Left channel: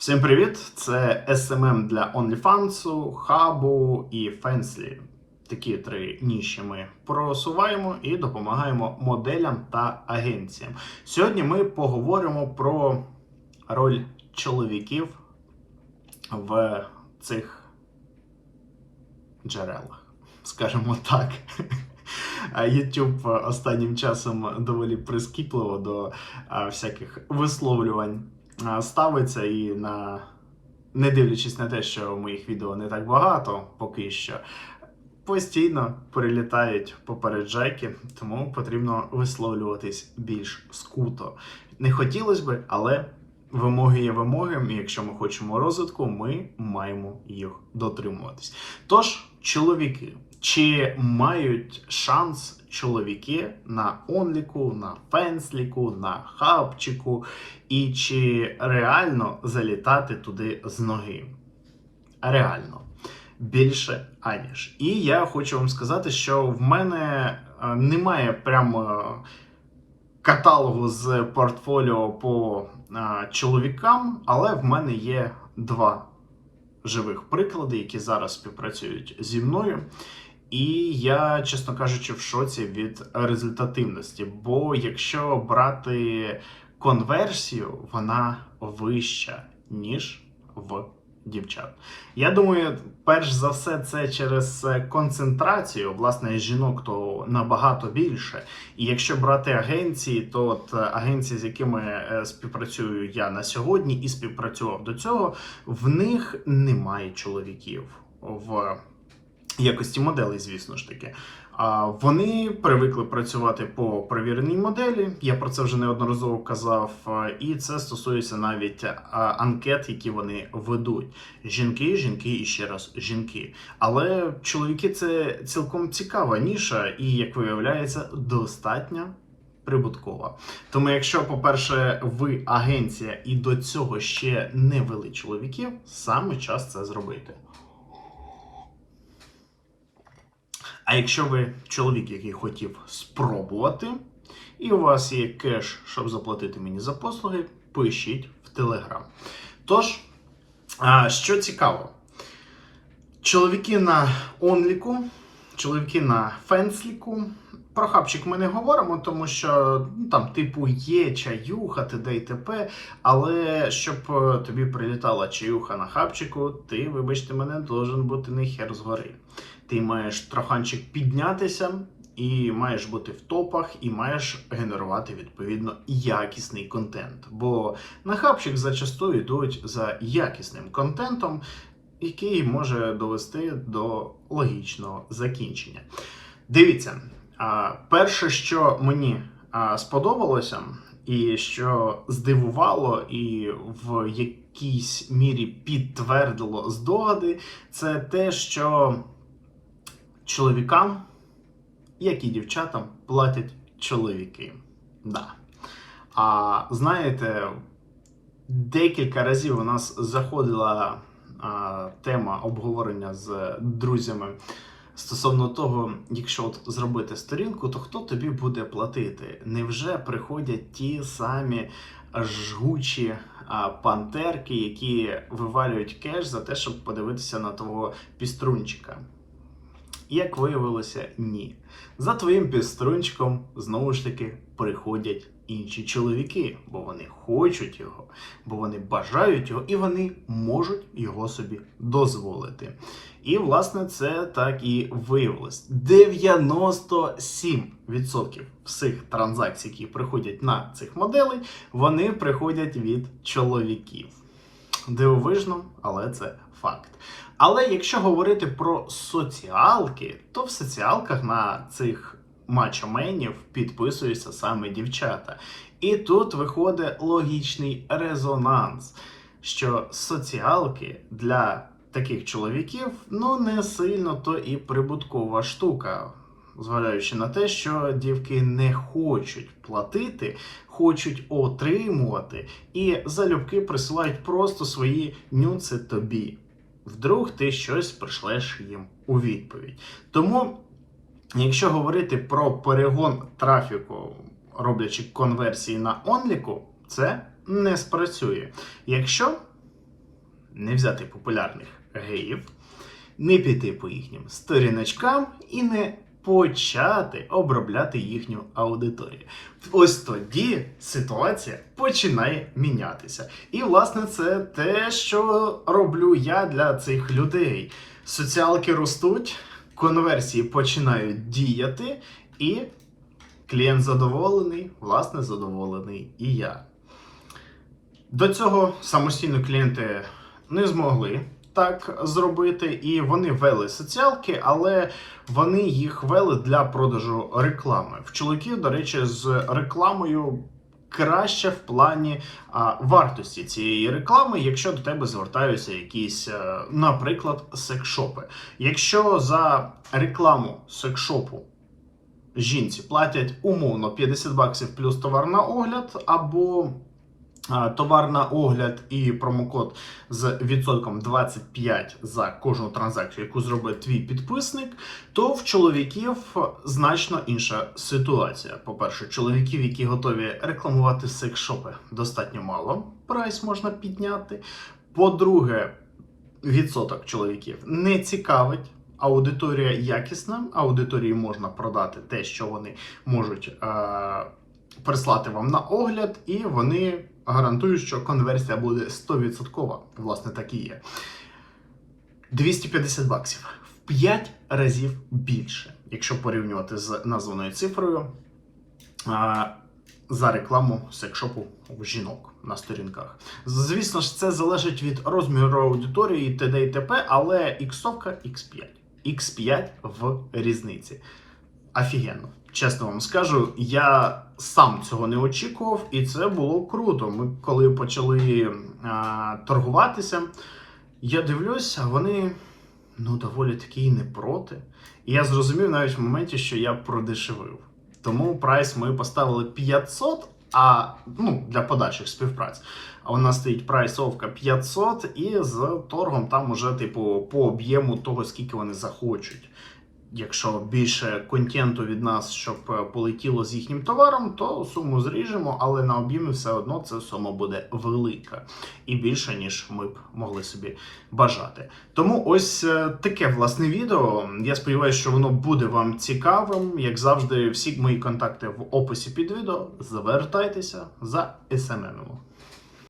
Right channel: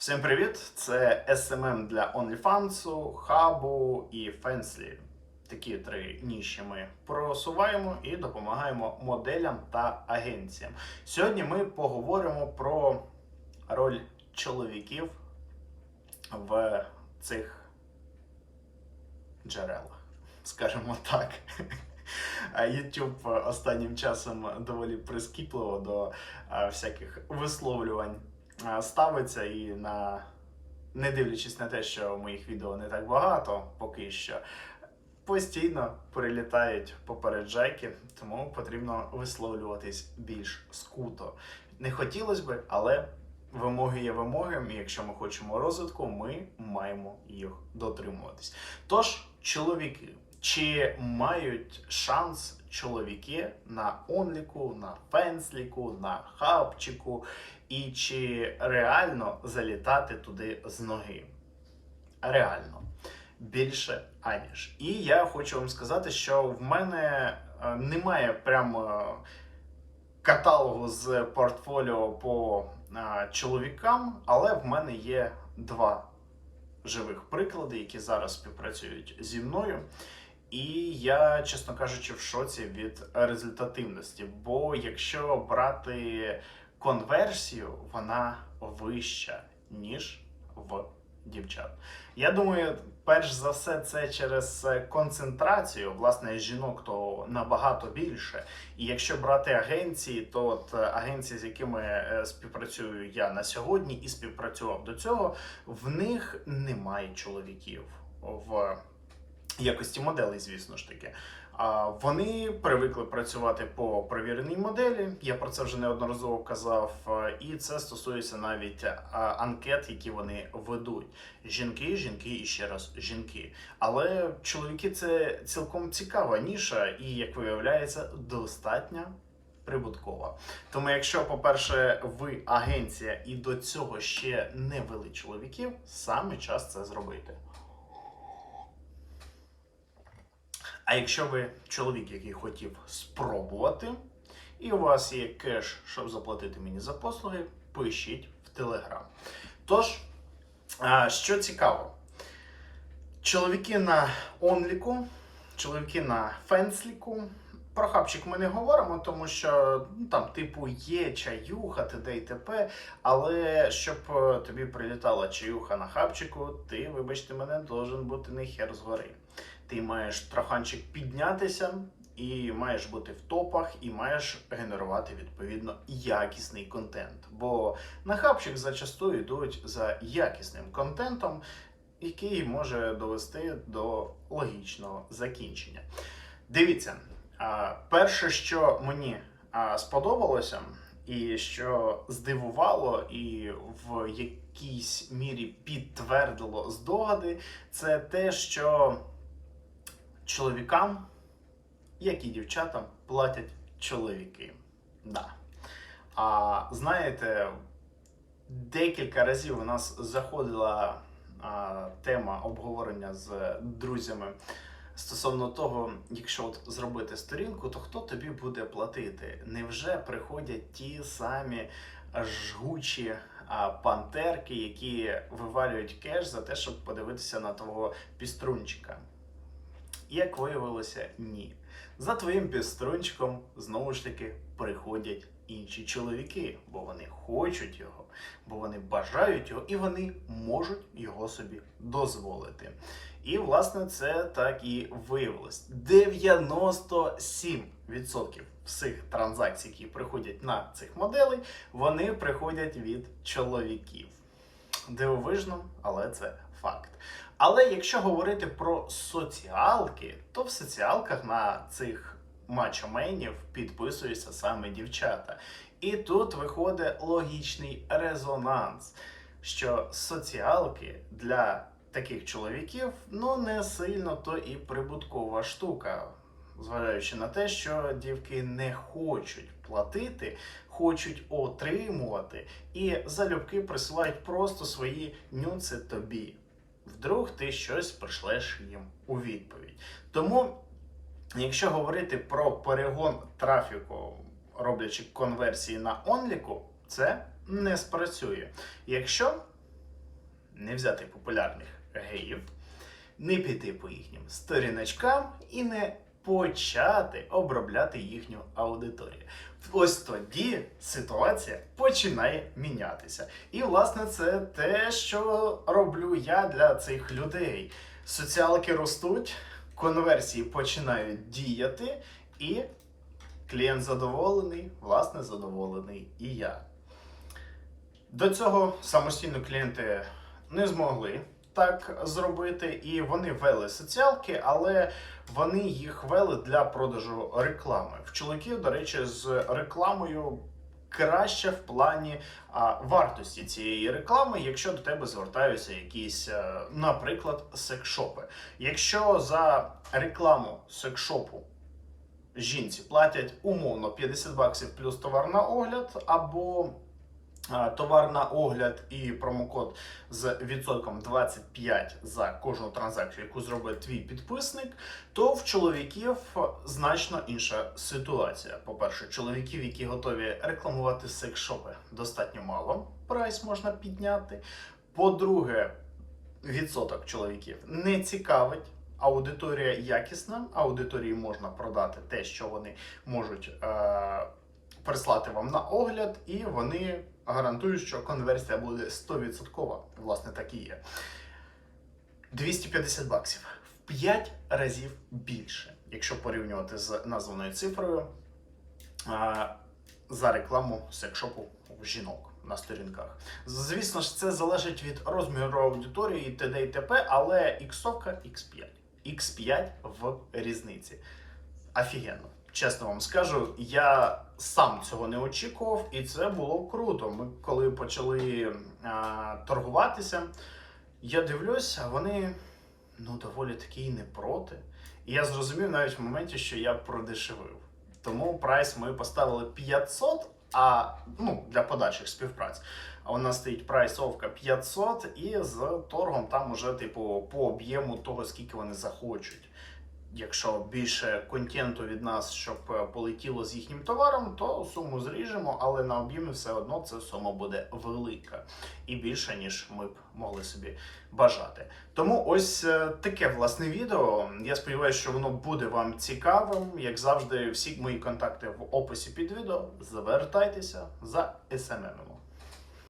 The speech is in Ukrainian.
Всім привіт! Це SMM для OnlyFans, Хабу і Fensly. Такі три ніші ми просуваємо і допомагаємо моделям та агенціям. Сьогодні ми поговоримо про роль чоловіків в цих джерелах, скажімо так. YouTube останнім часом доволі прискіпливо до всяких висловлювань ставиться і на не дивлячись на те, що моїх відео не так багато поки що. Постійно прилітають попереджайки, тому потрібно висловлюватись більш скуто. Не хотілося би, але вимоги є вимоги. і Якщо ми хочемо розвитку, ми маємо їх дотримуватись. Тож, чоловіки, чи мають шанс чоловіки на онліку, на фенсліку, на хабчику, і чи реально залітати туди з ноги? Реально. Більше аніж. І я хочу вам сказати, що в мене е, немає прямо каталогу з портфоліо по е, чоловікам, але в мене є два живих приклади, які зараз співпрацюють зі мною. І я, чесно кажучи, в шоці від результативності. Бо якщо брати конверсію, вона вища, ніж в дівчат. Я думаю, перш за все, це через е, концентрацію. Власне, жінок то набагато більше. І якщо брати агенції, то от е, агенції, з якими е, співпрацюю я на сьогодні і співпрацював до цього, в них немає чоловіків в якості моделей, звісно ж таки. Вони привикли працювати по перевіреній моделі. Я про це вже неодноразово казав, і це стосується навіть анкет, які вони ведуть. Жінки, жінки і ще раз жінки. Але чоловіки це цілком цікава ніша, і як виявляється, достатньо прибуткова. Тому, якщо, по-перше, ви агенція і до цього ще не вели чоловіків, саме час це зробити. А якщо ви чоловік, який хотів спробувати, і у вас є кеш, щоб заплатити мені за послуги, пишіть в Телеграм. Тож, що цікаво, чоловіки на онліку, чоловіки на фенсліку. Про хабчик ми не говоримо, тому що ну, там, типу, є чаюха, т.д. і т.п. Але щоб е, тобі прилітала чаюха на хабчику, ти, вибачте мене, должен бути не хер згори. Ти маєш троханчик піднятися, і маєш бути в топах, і маєш генерувати відповідно якісний контент. Бо на хабчик зачасту йдуть за якісним контентом, який може довести до логічного закінчення. Дивіться, перше, що мені сподобалося, і що здивувало, і в якійсь мірі підтвердило здогади, це те, що чоловікам, як і дівчатам, платять чоловіки. Да. А знаєте, декілька разів у нас заходила а, тема обговорення з друзями стосовно того, якщо от зробити сторінку, то хто тобі буде платити? Невже приходять ті самі жгучі пантерки, які вивалюють кеш за те, щоб подивитися на твого піструнчика? Як виявилося, ні. За твоїм піструнчиком знову ж таки приходять інші чоловіки, бо вони хочуть його, бо вони бажають його і вони можуть його собі дозволити. І, власне, це так і виявилось. 97% всіх транзакцій, які приходять на цих моделей, вони приходять від чоловіків. Дивовижно, але це факт. Але якщо говорити про соціалки, то в соціалках на цих мачоменів підписуються саме дівчата. І тут виходить логічний резонанс, що соціалки для таких чоловіків ну не сильно то і прибуткова штука. Зважаючи на те, що дівки не хочуть платити, хочуть отримувати, і залюбки присилають просто свої нюци тобі. Вдруг ти щось пришлеш їм у відповідь. Тому, якщо говорити про перегон трафіку, роблячи конверсії на онліку, це не спрацює. Якщо не взяти популярних геїв, не піти по їхнім сторіночкам і не почати обробляти їхню аудиторію. Ось тоді ситуація починає мінятися. І, власне, це те, що роблю я для цих людей. Соціалки ростуть, конверсії починають діяти, і клієнт задоволений, власне, задоволений і я. До цього самостійно клієнти не змогли так зробити, і вони вели соціалки, але вони їх вели для продажу реклами. В чоловіків, до речі, з рекламою краще в плані а, вартості цієї реклами, якщо до тебе звертаються якісь, е, наприклад, секшопи. Якщо за рекламу секшопу жінці платять умовно 50 баксів плюс товар на огляд, або а, товар на огляд і промокод з відсотком 25 за кожну транзакцію, яку зробить твій підписник, то в чоловіків значно інша ситуація. По-перше, чоловіків, які готові рекламувати секс-шопи, достатньо мало. Прайс можна підняти. По-друге, відсоток чоловіків не цікавить. Аудиторія якісна, аудиторії можна продати те, що вони можуть е- прислати вам на огляд, і вони гарантують, що конверсія буде 100%. Власне, так і є. 250 баксів в 5 разів більше, якщо порівнювати з названою цифрою за рекламу секшопу жінок на сторінках. Звісно ж, це залежить від розміру аудиторії т.д. і т.п., але іксовка X5. X5 в різниці. Офігенно. Чесно вам скажу, я сам цього не очікував, і це було круто. Ми коли почали а, торгуватися, я дивлюся, вони ну доволі таки і не проти. І я зрозумів навіть в моменті, що я продешевив. Тому прайс ми поставили 500, а ну, для подальших співпраць. А у нас стоїть прайсовка 500, і з торгом там уже, типу, по об'єму того, скільки вони захочуть. Якщо більше контенту від нас, щоб е, полетіло з їхнім товаром, то суму зріжемо, але на об'ємі все одно ця сума буде велика і більше, ніж ми б могли собі бажати. Тому ось е, таке власне відео. Я сподіваюся, що воно буде вам цікавим. Як завжди, всі мої контакти в описі під відео. Звертайтеся за СММ.